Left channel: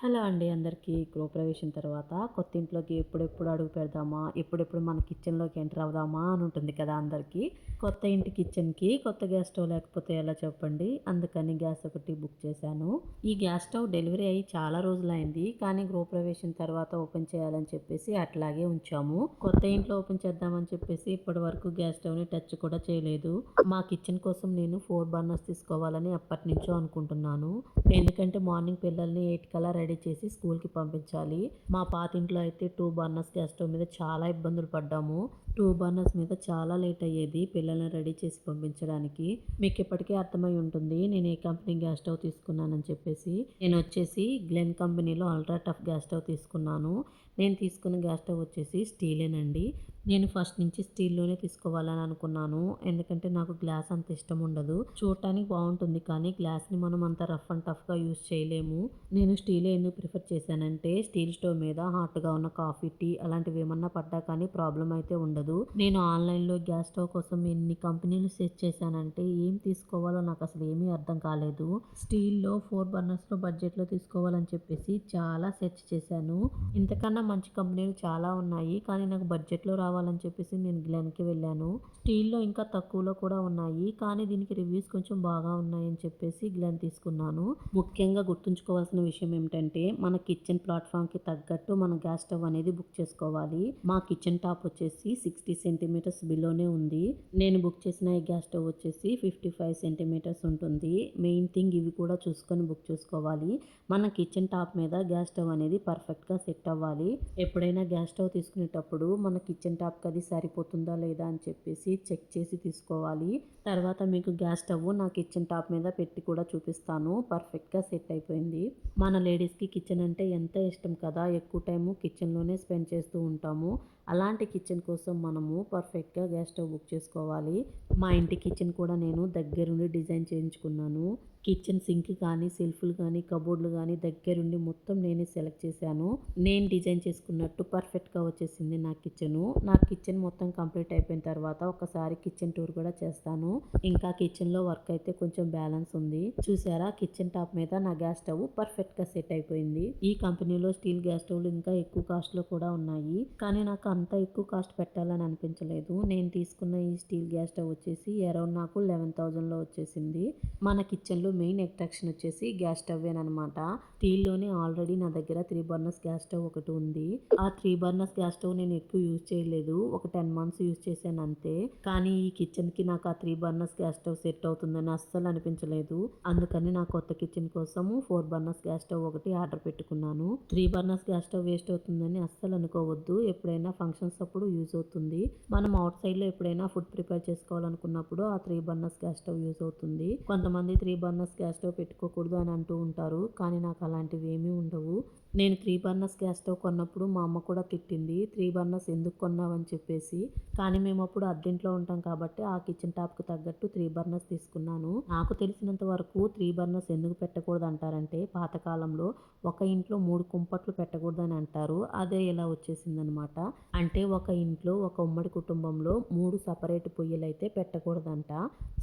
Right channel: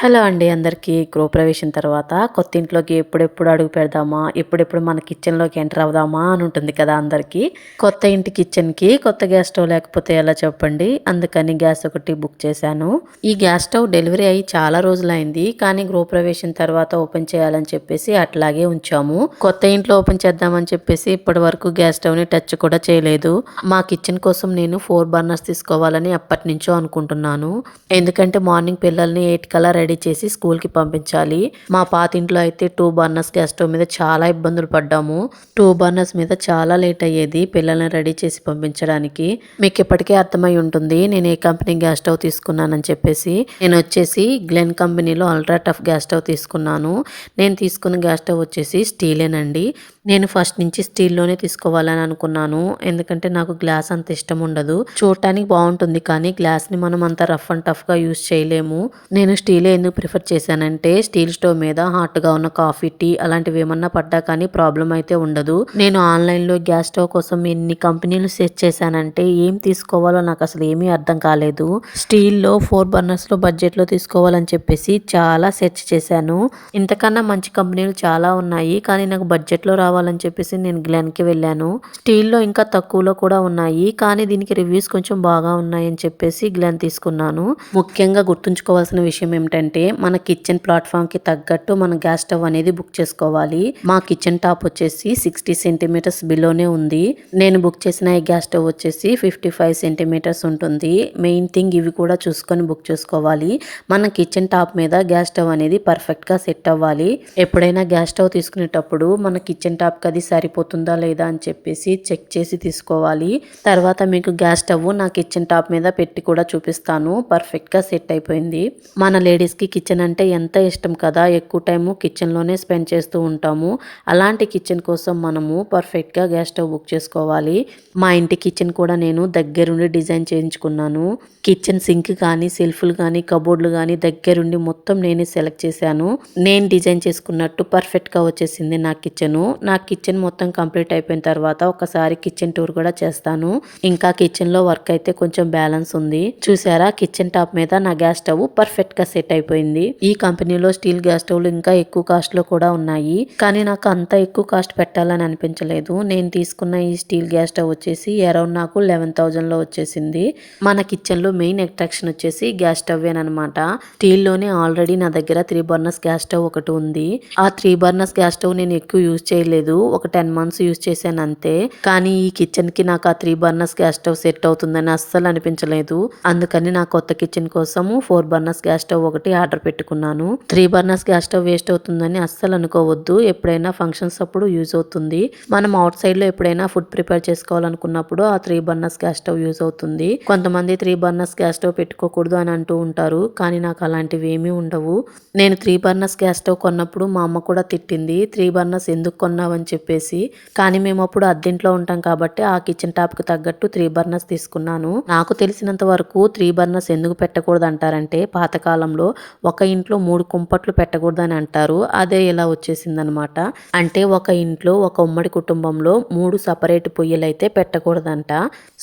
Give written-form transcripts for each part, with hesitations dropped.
Hello అండి అందరికీ. గృహప్రవేశం తర్వాత కొత్త ఇంట్లోకి ఎప్పుడెప్పుడు అడుగు పెడదామా, ఎప్పుడెప్పుడు మన కిచెన్లోకి ఎంటర్ అవుదామా అని ఉంటుంది కదా అందరికీ. కొత్త ఇంటి కిచెన్కి కొత్త గ్యాస్ స్టవ్ లేకపోతే ఎలా చెప్పండి. అందుకని గ్యాస్ ఒకటి బుక్ చేశాను. ఈ గ్యాస్ స్టవ్ డెలివరీ అయ్యి చాలా రోజులైంది, కానీ గృహప్రవేశం తర్వాత ఓపెన్ చేయాలని చెప్పేసి అట్లాగే ఉంచాము. కొత్త ఇంట్లో ఓపెన్ చేద్దామని చెప్పేసి ఇప్పటి వరకు గ్యాస్ స్టవ్ని టచ్ కూడా చేయలేదు. మా కిచెన్ కోసం నేను 4 బర్నర్స్ తీసుకోవాలని ఎప్పటి నుంచో అనుకుంటున్నాను. ఎందుకంటే మార్నింగ్ పిల్లల్ని 8 కల్లా రెడీ చేసి స్కూల్కి పంపించాలి. మా పాతింట్లో అయితే 2 బర్నర్స్ గ్యాస్ స్టవ్ మీద చాలా ఇబ్బందులు పడ్డాము. 2 బర్నర్స్ మీద చాలా లేట్ అయ్యేది పిల్లల్ని రెడీ చేసి పంపించడానికి. మీకు ఇప్పటికే అర్థమై ఉంటుంది నేను ఏ కంపెనీ గ్యాస్ స్టవ్ తీసుకున్నానని చెప్పేసి. నేను వచ్చేసి గ్లెన్ కంపెనీలో అల్ట్రా టఫ్ గ్యాస్ స్టవ్ తీసుకున్నాను. నేను తీసుకున్న గ్యాస్ స్టవ్ వచ్చేసి స్టీలేనండి. నేను ఫస్ట్ నుంచి స్టీల్లోనే తీసుకోవాలని అనుకున్నాను. ఎందుకంటే నాకు గ్లాస్ అంత ఇష్టం ఉండదు. చూడటానికి బాగుంటుంది కానీ గ్లాస్ని మనం అంత రఫ్ అండ్ టఫ్గా యూస్ చేయలేము. నేను స్టీలే ఎందుకు ప్రిఫర్ చేశానంటే స్టీల్ స్టవ్ మీద హాట్గా ఉన్న కాఫీ, టీ అలాంటివి ఏమన్నా పడ్డా కానీ ప్రాబ్లం అయితే ఉండదు. నేను ఆన్లైన్లో గ్యాస్ స్టవ్ కోసం ఎన్ని కంపెనీలు సెర్చ్ చేశానంటే ఏం తీసుకోవాలో నాకు అసలు ఏమీ అర్థం కాలేదు. స్టీల్లో 4 బర్నర్స్లో బడ్జెట్లో తీసుకోవాలని చెప్పేసి చాలా సెర్చ్ చేశాను. ఇంతకన్నా మంచి కంపెనీలు చాలా ఉన్నాయి, కానీ నాకు బడ్జెట్లో రావాలని చెప్పేసి నేను గ్లెన్కి వెళ్ళాను. స్టీల్లో ఇంకా తక్కువలో కూడా ఉన్నాయి, కానీ దీనికి రివ్యూస్ కొంచెం బాగా ఉన్నాయని చెప్పేసి గ్లెన్ తీసుకున్నాను. ముఖ్యంగా గుర్తుంచుకోవాల్సిన విషయం ఏమిటంటే మన కిచెన్ ప్లాట్ఫామ్కి తగ్గట్టు మన గ్యాస్ స్టవ్ అనేది బుక్ చేసుకోవాలి. మా కిచెన్ టాప్ వచ్చేసి 60 సెంటీమీటర్స్ బిలోనే ఉంది. నేను బుక్ చేసిన ఈ గ్యాస్ స్టవ్ వచ్చేసి 55 సెంటీమీటర్స్ ఉంటుంది. మెయిన్ థింగ్ ఇవి కూడా చూసుకొని బుక్ చేసుకోవాలి. మన కిచెన్ టాప్ మీద గ్యాస్ స్టవ్ అనేది పర్ఫెక్ట్గా సెట్ అవ్వాలి. ఎప్పుడైనా గ్యాస్ స్టవ్ తీసుకునేటప్పుడు మన కిచెన్ టాప్కి అది సరిపోతుందా లేదా అని చెప్పేసి చెక్ చేసి తీసుకోవాలి. తర్వాత మీకు గ్యాస్ స్టవ్ నా కిచెన్ టాప్ మీద పెట్టి కూడా చూపిస్తాను. పర్ఫెక్ట్గా సెట్ అయిపోయింది. మన లేడీస్కి కిచెన్ అంటే ఎంత ఇష్టం కదా, ఎక్కువ టైము కిచెన్లోనే స్పెండ్ చేస్తూ ఉంటాము. అలాంటి కిచెన్ కోసం మనము పర్ఫెక్ట్గా గ్యాస్ స్టవ్ బుక్ చేసుకోవాలి. మా ఇంటి కిచెన్ కూడా నేను దగ్గరుండి డిజైన్ చేయించుకున్నాను. కిచెన్ సింక్ కానీ, సెల్ఫ్లు కానీ, కబోర్డ్లు కానీ దగ్గరుండి మొత్తం నేనే సెలెక్ట్ చేశాను. నేను డిజైన్ చేసుకున్నట్టు పర్ఫెక్ట్గా వచ్చేసింది నా కిచెను. నా కిచెన్ మొత్తం కంప్లీట్ అయిపోయిన తర్వాత ఒకసారి కిచెన్ టూర్ కూడా చేస్తాను. ఇంకా కిచెన్లో వర్క్ అయితే కొంచెం బ్యాలెన్స్ ఉంది. చూసారా, కిచెన్ టాప్ మీద నా గ్యాస్ స్టవ్ పర్ఫెక్ట్గా సెట్ అయిపోయింది. ఈ కంపెనీలో స్టీల్ గ్యాస్ స్టవ్లు ఇంకా ఎక్కువ కాస్ట్లో కూడా ఉన్నాయి, కానీ నాకు అంత ఎక్కువ కాస్ట్ పెట్టాలని అనిపించలేదు. నేను తీసుకున్న ఈ స్టీల్ గ్యాస్ స్టవ్ వచ్చేసి అరౌండ్ నాకు 11,000లో వచ్చేసింది. మన కిచెన్లో మెయిన్ అట్రాక్షన్ వచ్చేసి గ్యాస్ స్టవ్వేనమాట. స్టీల్లోనే ఆల్రెడీ నా దగ్గర 3 బర్నర్స్ గ్యాస్ స్టవ్ ఒకటి ఉంది. ఆ 3 బర్నర్స్ గ్యాస్ స్టవ్ నేను ఎక్కువ యూజ్ చేయలేదు, ఒక 10 మంత్స్ యూజ్ చేశాను అంతే. కానీ ఈ కిచెన్కి నాకు ఆ 3 బర్నర్స్ గ్యాస్ స్టవ్ సెట్ అవుతుందని అస్సలు అనిపించలేదు. అందుకని నా కొత్త కిచెన్ కోసము 4 బర్నర్స్ గ్యాస్ స్టవ్ ఒకటి ఆర్డర్ పెట్టుకున్నాను. 3 బర్నర్స్ గ్యాస్ స్టవ్ వేస్ట్ అవుతుందని అస్సలు అనుకోవద్దు. ఎప్పుడైనా ఫంక్షన్స్ అప్పుడు యూజ్ అవుతుంది. మనం అవుట్ సైడ్లో ఎప్పుడైనా ఫుడ్ ప్రిపేర్ చేసుకోవాలనుకున్నప్పుడు ఆ 3 బర్నర్స్ గ్యాస్ స్టవ్ యూజ్ అవుతుంది. కొంతమంది 3 బర్నర్స్ గ్యాస్ స్టవ్ పెట్టుకోకూడదు అని అంటూ ఉంటారు, కానీ నాకు అలాంటివి ఏమీ ఉండవు. నేను 3 బర్నర్స్ గ్యాస్ స్టవ్ కొన్నప్పుడు మా అమ్మ కూడా తిట్టింది, 3 బర్నర్స్ ఎందుకు కొన్నావని చెప్పేసి. కానీ మేము అప్పుడు అద్దెంట్లో ఉంటాం కాబట్టి ఆ కిచెన్ టాప్కి తగ్గట్టు 3 బర్నర్స్ తీసుకున్నాను. నాకు తెలిసినంత వరకు 3 బర్నర్స్ ఎందుకు పెట్టకూడదు అంటారంటే పాతకాలంలో ఒక ఇంట్లో 3 కుంపట్లు పెట్టకూడదని అంటారు. అదే ఇలా వచ్చేసిందనమాట. అంటే ఒక ఇంట్లో ఒక ఉమ్మడి కుటుంబంలో 3 సపరేట్ పొయ్యిలు అయితే పెట్టకూడదంట.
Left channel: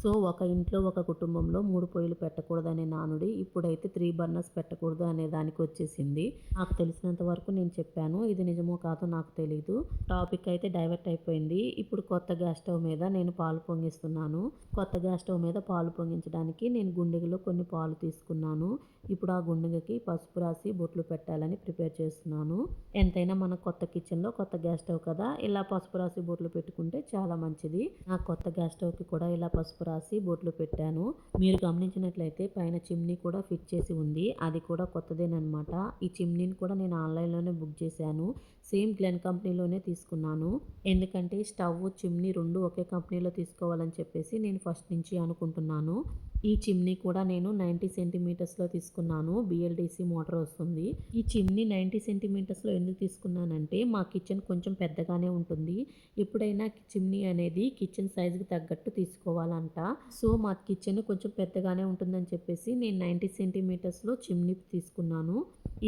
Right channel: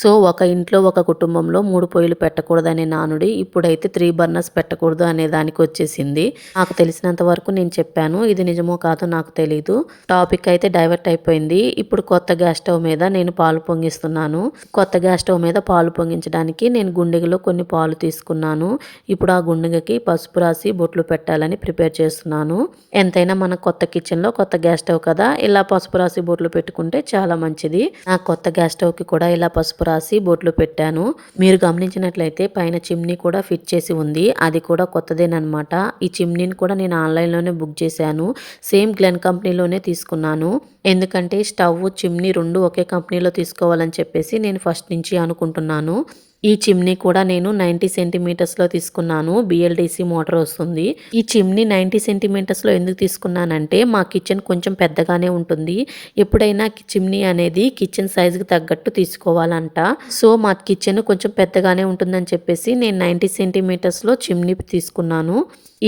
సో ఒక ఇంట్లో ఒక కుటుంబంలో 3 పొయ్యిలు పెట్టకూడదనే నానుడి ఇప్పుడైతే 3 బర్నర్స్ పెట్టకూడదు అనే దానికి వచ్చేసింది. నాకు తెలిసినంత వరకు నేను చెప్పాను. ఇది నిజమో కాదో నాకు తెలీదు. టాపిక్ అయితే డైవర్ట్ అయిపోయింది. ఇప్పుడు కొత్త గ్యాస్ స్టవ్ మీద నేను పాలు పొంగిస్తున్నాను. కొత్త గ్యాస్ స్టవ్ మీద పాలు పొంగించడానికి నేను గుండెగలో కొన్ని పాలు తీసుకున్నాను. ఇప్పుడు ఆ గుండెగకి పసుపు రాసి బొట్లు పెట్టాలని ప్రిపేర్ చేస్తున్నాను. ఎంతైనా మన కొత్త కిచెన్లో కొత్త గ్యాస్ స్టవ్ కదా, ఇలా పసుపు రాసి బొట్లు పెట్టుకుంటే చాలా మంచిది. నా కొత్త గ్యాస్ స్టవ్కి కూడా ఇలా పసుపు రాసి బొట్లు పెట్టాను. మీరు గమనించినట్లయితే పైన చిమ్నీ కూడా ఫిట్ చేసి ఉంది. అది కూడా కొత్తదేనమాట. ఈ చిమ్నీని కూడా నేను ఆన్లైన్లోనే బుక్ చేశాను. సేమ్ గ్లెన్ కంపెనీలోనే తీసుకున్నాను. ఎందుకంటే స్టవ్, చిమ్నీ 2 ఒకే కంపెనీలో తీసుకోవాలని చెప్పేసి నేను ఫస్ట్ నుంచి అనుకుంటున్నాను. ఈ చిమ్నీ కూడా నేను 90 సెంటీమీటర్స్లో తీసుకున్నాను. బిఎల్డిసి మోటార్ వస్తుంది. ఈ చిమ్నీ 90 సెంటీమీటర్స్లో ఎందుకు తీసుకున్నానంటే మా కిచెన్ కొంచెం పెద్దగానే ఉంటుంది. ఎప్పుడైనా చిమ్నీ అనేది కిచెన్ సైజుకి తగ్గట్టు తీసుకోవాలంట. సో మా కిచెన్ కొంచెం పెద్దగానే ఉంటుందని చెప్పేసి నేను 90 సెంటీమీటర్స్లో చిమ్నీ తీసుకున్నాను.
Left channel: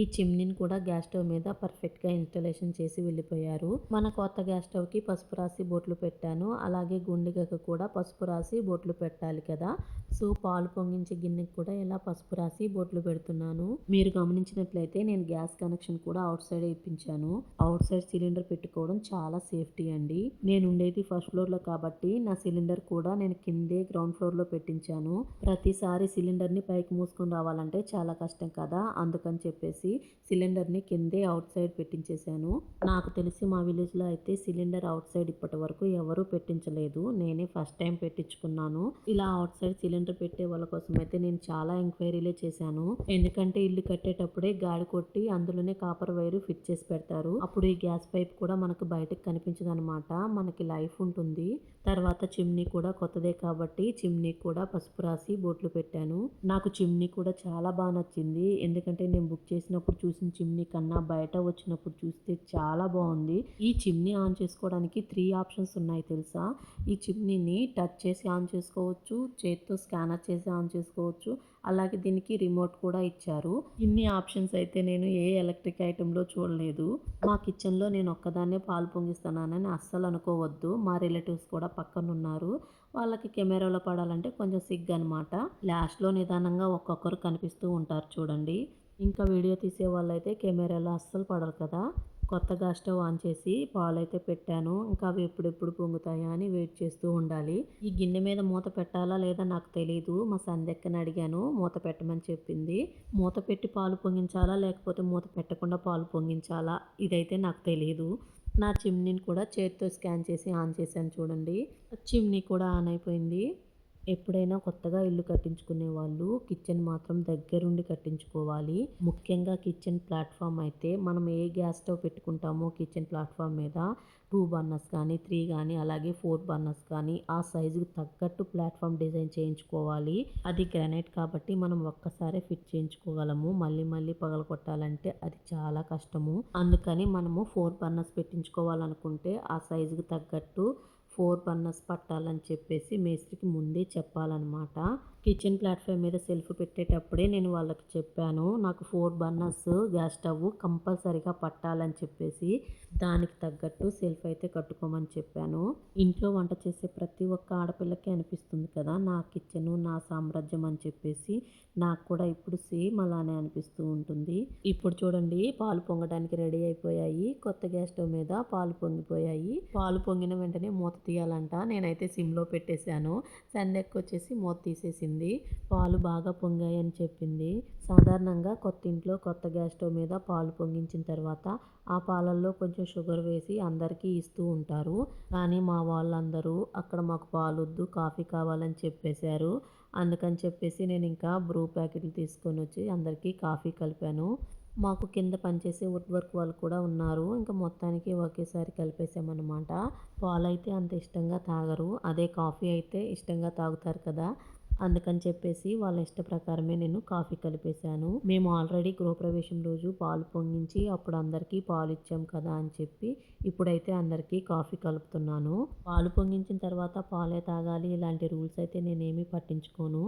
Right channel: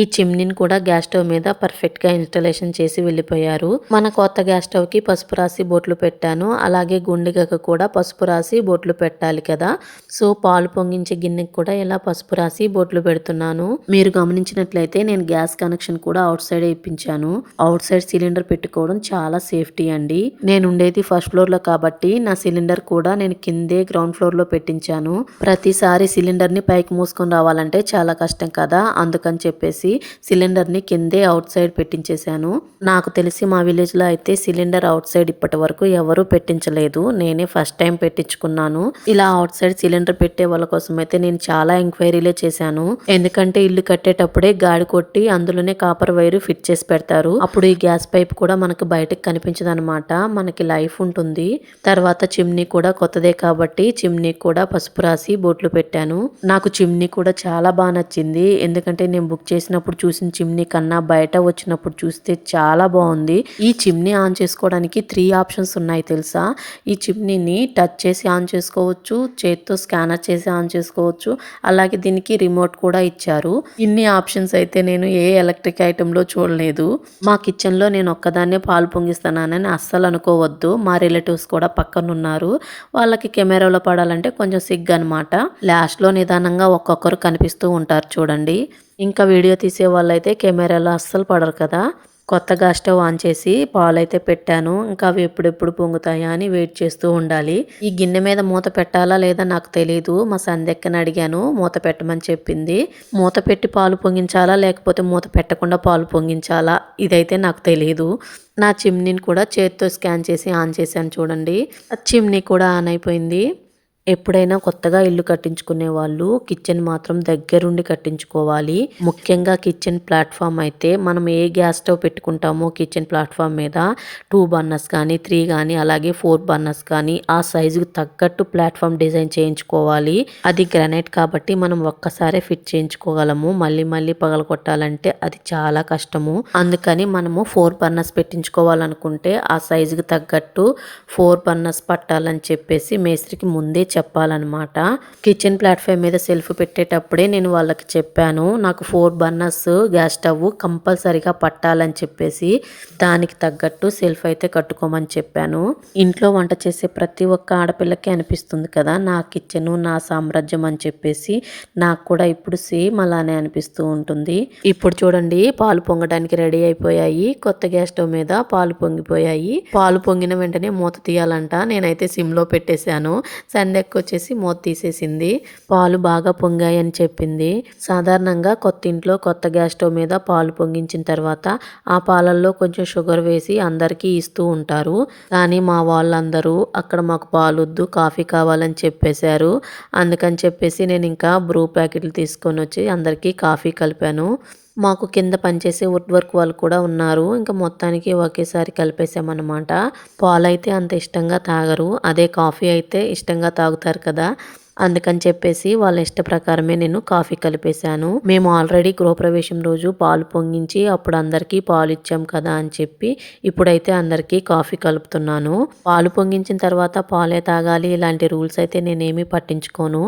ఈ చిమ్నీని కూడా గ్యాస్ స్టవ్ మీద పర్ఫెక్ట్గా ఇన్స్టాలేషన్ చేసి వెళ్ళిపోయారు. మన కొత్త గ్యాస్ స్టవ్కి పసుపు రాసి బొట్లు పెట్టాను. అలాగే గుండెగకు కూడా పసుపు రాసి బొట్లు పెట్టాలి కదా. సో పాలు పొంగించే గిన్నెకి కూడా ఇలా పసుపు రాసి బొట్లు పెడుతున్నాను. మీరు గమనించినట్లయితే నేను గ్యాస్ కనెక్షన్ కూడా అవుట్ సైడ్ ఇప్పించాను. అవుట్ సైడ్ సిలిండర్ పెట్టుకోవడం చాలా సేఫ్టీ అండి. నేను ఉండేది ఫస్ట్ ఫ్లోర్ లో కాబట్టి నా సిలిండర్ కూడా నేను కిందే గ్రౌండ్ ఫ్లోర్ లో పెట్టించాను. ప్రతిసారి సిలిండర్ ని పైకి మూసుకొని రావాలంటే చాలా కష్టం కదా, అందుకని చెప్పేసి సిలిండర్ ని కిందే అవుట్ సైడ్ పెట్టించేశాను. నాకు తెలిసి మా విలేజ్ లో అయితే సిలిండర్ అవుట్ సైడ్ ఇప్పటి వరకు ఎవరు పెట్టించలేదు. నేనే ఫస్ట్ టైం పెట్టించుకున్నాను. ఇలా అవుట్ సైడ్ సిలిండర్ పెట్టే వాళ్ళ కోసం అయితే నేను చాలా ఎంక్వైరీలే చేశాను. ఎందుకంటే ఇల్లు కట్టేటప్పుడే గాడి కొట్టి అందులోనే కాపర్ వైర్ ఫిట్ చేసి పెడతారు. అప్పుడు ఈ గ్యాస్ పైప్ కూడా మనకు బయటకు కనిపించదు అనమాట, మనకి లైఫ్ ఉంటుంది. తర్వాత చిమ్నీ కూడా కొత్తదే కాబట్టి చిమ్నీ కూడా పసుపు రాసి బొట్లు పెట్టాను. నాకు చిమ్నీ కూడా చాలా బాగా నచ్చింది. ఎందుకంటే నేను బుక్ చేసినప్పుడు చూసిన చిమ్నీ కన్నా బయట వచ్చినప్పుడు చూస్తే చాలా బాగుంది. ఈ చిమ్నీ ఆన్ చేసుకోవడానికి 3 ఆప్షన్స్ ఉన్నాయి తెలుసా. ఈ చిమ్నీని టచ్ చేసి ఆన్ చేసుకోవచ్చు, చేత్తో స్కానర్ చేసి ఆన్ చేసుకోవచ్చు, అలాగే దీనికి రిమోట్ కూడా ఇచ్చారు. ఇన్ని ఆప్షన్స్ అయితే నేను ఏ ఎలక్ట్రిక్ ఐటెంలో చూడలేదు. మా కిచెన్లో నేను ఒక్కదాన్నే పాలు పొంగిస్తున్నానని అస్సలు అనుకోవద్దు. మా రిలేటివ్స్ కూడా పక్కన ఉన్నారు. వాళ్ళకి కెమెరాలో పడాలంటే కొంచెం సిగ్గు అనమాట. లాస్ట్లో నిదానంగా ఒక్కొక్కరు కనిపిస్తూ ఉంటారు చూడండి. ఇంకా వీడియో తీసే వాళ్ళైతే కెమెరాలో అస్సలు పడరు కదా. కొత్తగా స్టవ్ ఆన్ చేసి పాలైతే పెట్టాను. ఇంకా అవి ఎప్పుడెప్పుడు పొంగుతాయా అని వెయిట్ చేస్తూ ఉండాలి. ఈ గిన్నె మీద మూత పెట్టాలా లేదా నాకు తెలియదు. మా సంధ్యక్కని అడిగాను, మూత పెట్టమని చెప్పింది. మూత పెట్టి పాలు పొంగించాలా లేకపోతే మూత పెట్టకుండా పాలు పొంగించాలా ఇదైతే నాకు తెలియదు. నా చిమ్నీని కూడా చేత్తో స్కాన్ చేసి ఆన్ చేశాను చూడండి. చిమ్నీ కూడా ఆన్ అయిపోయింది. ఎప్పుడైనా కొత్తగా ఇల్లు కట్టించుకునే వాళ్ళు కిచెన్ మాత్రం దగ్గరుండి కట్టించుకోవాలి. ముఖ్యంగా కిచెన్ ప్లాట్ఫామ్ అయితే మనం ఏ గ్యాస్ స్టవ్ పెట్టుకుంటామో కిచెన్ ప్లాట్ఫామ్ మీద 2 బర్నర్స్ కానీ 3 కానీ అలాగే 4 బర్నర్స్ కానీ ఆ సైజుకి తగ్గట్టు ప్లాట్ఫామ్ డిజైన్ చేయించుకోవాలి. అది గ్రానైట్ కాబట్టి మనం ఒక్కసారే ఫిట్ చేయించుకోగలము. మళ్ళీ మళ్ళీ పగలగొట్టాలంటే అది చాలా కష్టము. అందుకని మనము 4 బర్నర్స్ పెట్టించుకోవాలనుకుంటే ఆ సైజుకి తగ్గట్టు 4 బర్నర్స్ పట్టాలని చెప్పేసి మేస్త్రికి ముందే చెప్పాలన్నమాట. కిచెన్ ప్లాట్ఫామ్ మీద సెల్ఫ్ పెట్టేటప్పుడే నేను వాళ్ళకి చెప్పాను, నాకు 4 బర్నర్స్ గ్యాస్ స్టవ్ కంపల్సరీగా పట్టాలని చెప్పేసి దానికి తగ్గట్టు సెల్ఫ్ అయితే కట్టుకోమని చెప్పాను. ఇంట్లో వంట చేసే ప్రతి ఒక్క ఆడపిల్లకి అనిపిస్తుంది కదా నా కిచెన్ నా సామ్రాజ్యం అని చెప్పేసి. నాకు కూడా ఇప్పుడు సేమ్ అలానే అనిపిస్తూ ఉంటుంది. ఇప్పుడు చూడండి పాలు పొంగడానికి రెడీ అయిపోయాయి. కొత్త గ్యాస్ స్టవ్ మీద పాలు పొంగిపోయాయి. పాలు పొంగిన వెంటనే మూత తీయాలంట. నేనైతే సిమ్లో పెట్టేశాను. సంధ్యకు వచ్చేసి మూత తీసేసింది. పాలు బాగా పొంగాయి అని చెప్పింది. సాధారణంగా కొత్త ఇంట్లో కొత్త గ్యాస్ స్టవ్ మీద పాలు పొంగించిన తర్వాత ఆ పాలల్లో కొంచెం షుగర్ వేసి అందరికీ ఇస్తూ ఉంటారు. కానీ మా వాళ్ళందరూ అక్కడ మాకు పాలొద్దు కాఫీ కావాలని చెప్పేశారు. అందుకని చెప్పేసి నేను ఇంకా బ్రూ ప్యాకెట్లు తీసుకొని వచ్చి అందరికీ కాఫీ కలిపాను. మాకు కింద పనిచేసే వుడ్ వర్క్ వాళ్ళు కూడా ఉన్నారు. ఇంకా మొత్తానికి ఒకేసారి కలిపేసామన్నమాట. పాలైతే అంత ఇష్టంగా తాగరు, అదే కాఫీ అయితే ఇష్టంగా తాగుతారు కదా. అందుకని చెప్పేసి వాళ్ళ ఇష్ట ప్రకారమే నేను కాఫీ కలిపేశాను. మేము ఆల్రెడీ గృహప్రవేశం రోజు పాలు పొంగించి అప్పుడు అందరికీ పాలు ఇచ్చాం కదా అని చెప్పి ఇప్పుడైతే అందరికీ కాఫీ కలుపుతున్నాను. పాలు పొంగించిన తర్వాత పాలే తాగాలి ఇలాంటి రూల్స్ అయితే నేనేమీ పట్టించుకోను.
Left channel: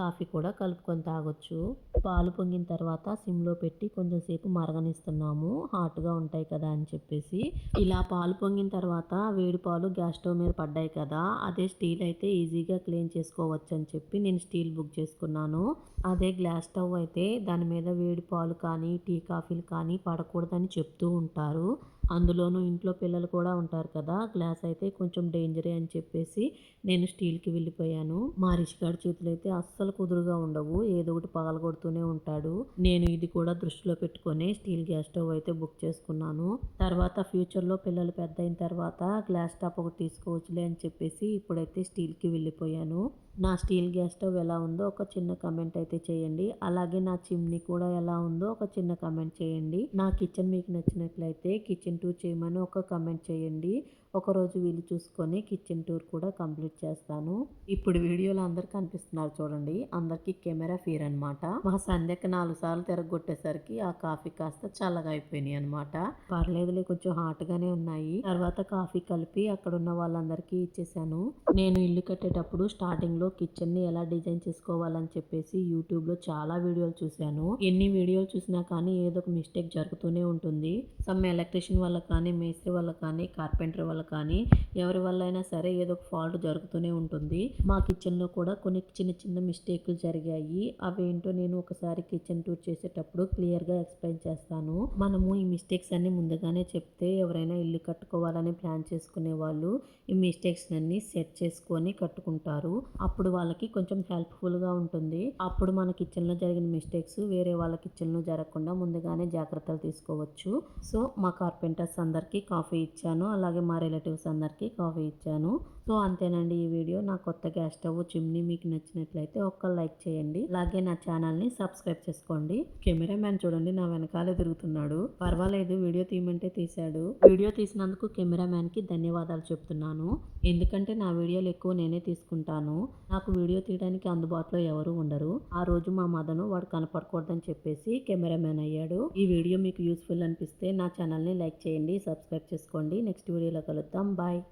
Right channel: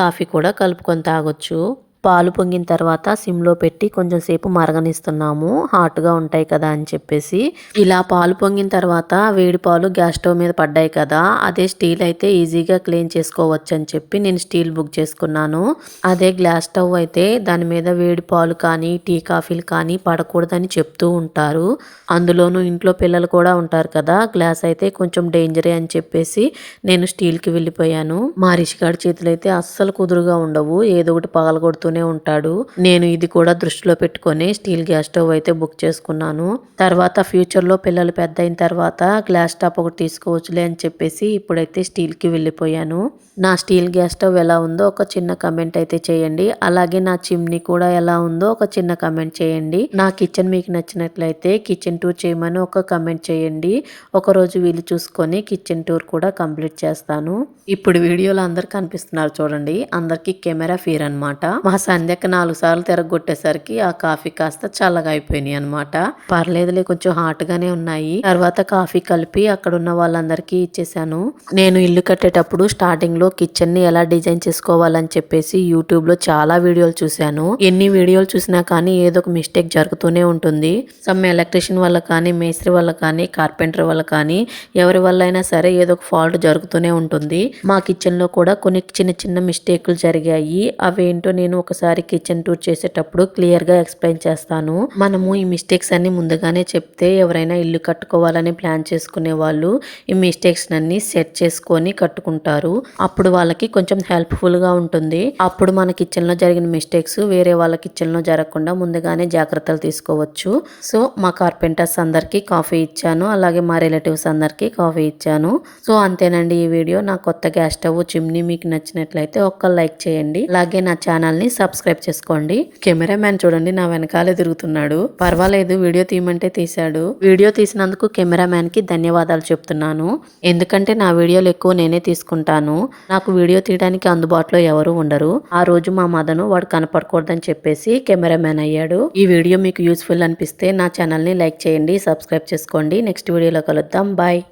కాఫీ కూడా కలుపుకొని తాగొచ్చు. పాలు పొంగిన తర్వాత సిమ్లో పెట్టి కొంచెం సేపు మరగనిస్తున్నాము, హాట్గా ఉంటాయి కదా అని చెప్పేసి. ఇలా పాలు పొంగిన తర్వాత వేడి పాలు గ్యాస్ స్టవ్ మీద పడ్డాయి కదా, అదే స్టీల్ అయితే ఈజీగా క్లీన్ చేసుకోవచ్చు అని చెప్పి నేను స్టీల్ బుక్ చేసుకున్నాను. అదే గ్లాస్ స్టవ్ అయితే దాని మీద వేడి పాలు కానీ టీ కాఫీలు కానీ పడకూడదని చెప్తూ ఉంటారు. అందులోనూ ఇంట్లో పిల్లలు కూడా ఉంటారు కదా, గ్లాస్ అయితే కొంచెం డేంజరే అని చెప్పేసి నేను స్టీల్కి వెళ్ళిపోయాను. మా రిషిగాడి చేతులు అయితే అస్సలు కుదురుగా ఉండవు, ఏదో ఒకటి పగలగొడుతూనే ఉంటాడు. నేను ఇది కూడా దృష్టిలో పెట్టుకొని స్టీల్ గ్యాస్ స్టవ్ అయితే బుక్ చేసుకున్నాను. తర్వాత ఫ్యూచర్లో పిల్లలు పెద్ద అయిన తర్వాత గ్లాస్ టాప్ ఒకటి తీసుకోవచ్చులే అని చెప్పేసి ఇప్పుడైతే స్టీల్కి వెళ్ళిపోయాను. నా స్టీల్ గ్యాస్ స్టవ్ ఎలా ఉందో ఒక చిన్న కమెంట్ అయితే చేయండి. అలాగే నా చిమ్నీ కూడా ఎలా ఉందో ఒక చిన్న కమెంట్ చేయండి. నా కిచెన్ మీకు నచ్చినట్లయితే కిచెన్ టూర్ చేయమని ఒక కమెంట్ చేయండి. ఒకరోజు వీలు చూసుకొని కిచెన్ టూర్ కూడా కంప్లీట్ చేస్తాను. ఇప్పుడు వీడియోలో అందరు కనిపిస్తున్నారు చూడండి, అందరికి కెమెరా ఫీర్ అనమాట. మా సంధ్యకు 4 సార్లు తిరగొట్టేసరికి ఆ కాఫీ కాస్త చల్లగా అయిపోయినాయి అనమాట. పర్లేదులే కొంచెం హాట్ గానే ఉన్నాయి. తర్వాత కాఫీ కలిపి అక్కడ ఉన్న వాళ్ళందరికీ ఇచ్చేసాను. నేను ఇల్లు కట్టేటప్పుడు స్టార్టింగ్ లో కిచెన్ని ఎలా డిజైన్ చేసుకోవాలని చెప్పేసి యూట్యూబ్లో చాలా వీడియోలు చూశాను. ఎన్ని వీడియోలు చూసినా కానీ ఏదో ఒక మిస్టేక్ జరుగుతూనే ఉంటుంది. సమ్ ఎలక్ట్రీషియన్ వల్ల కానీ, మేస్త్రి వల్ల కానీ, కార్పెంటర్ వల్ల కానీ, ఎవరి వల్ల అయినా సరే ఏదో ఒక ఫాల్ట్ జరుగుతూనే ఉంటుంది. మా కిచెన్లో కూడా కొన్ని చిన్న చిన్న మిస్టేక్లు జరిగాయి. అవేంటో నేను ఒకసారి కిచెన్ టూర్ చేసేటప్పుడు క్లియర్గా ఎక్స్ప్లెయిన్ చేస్తాను. మనము ఈ మిస్టేక్స్ అన్ని ముందుగానే చెప్తే ఎవరైనా ఇల్లు కట్టుకోవాలని ప్లాన్ చేసుకునే వాళ్ళు ఈ మిస్టేక్స్ అన్ని సెట్ చేసుకొని కట్టుకుంటారు. అప్పుడు వాళ్ళకి కొంచెం హెల్ప్ఫుల్గా ఉంటుంది. అప్పుడు మన కిచెన్లో జరిగిన మిస్టేక్స్ వేరే వాళ్ళ కిచెన్లో జరగకుండా ముందుగానే జాగ్రత్తలు తీసుకోవచ్చు. సో మా కార్పెంటర్స్ అందరికీ కాఫీ ఇచ్చాను. అలాగే మా రిలేటివ్స్ అందరికీ కాఫీ ఇచ్చాను. సో అంతేనండి ఈ వీడియో. నా కొత్త గ్యాస్ స్టవ్ చిమ్నీ మీకు నచ్చినట్లయితే ఒక్క లైక్ చేయండి. అలాగే నా ఛానల్ని సబ్స్క్రైబ్ చేసుకోండి. కెమెరామ్యాన్ చూడండి నా వెనకాలే తిరుగుతున్నాడు. పర్వాలేదు, వీడియో తీయమంటే తీశాడు. వీడియో తీసినందుకు కెమెరామ్యాన్కి ధన్యవాదాలు చెప్తున్నాను. ఎందుకంటే నా వీడియోలు ఎక్కువ నేనే తీసుకుంటాను. నాకు వీడియో తీయడానికి అందుబాటులో ఎవరు ఉండరు. ఆ రోజు మా మదను వాడు కనపడకూడదని చెప్పేసి కెమెరామ్యాన్ అయ్యాడు. ఈ వీడియో మీకు యూస్ఫుల్ అనిపిస్తే నా ఛానల్ని లైక్ చేయండి, సబ్స్క్రైబ్ చేసుకోండి. నెక్స్ట్ వీడియోలో కలుద్దాం. బాయ్.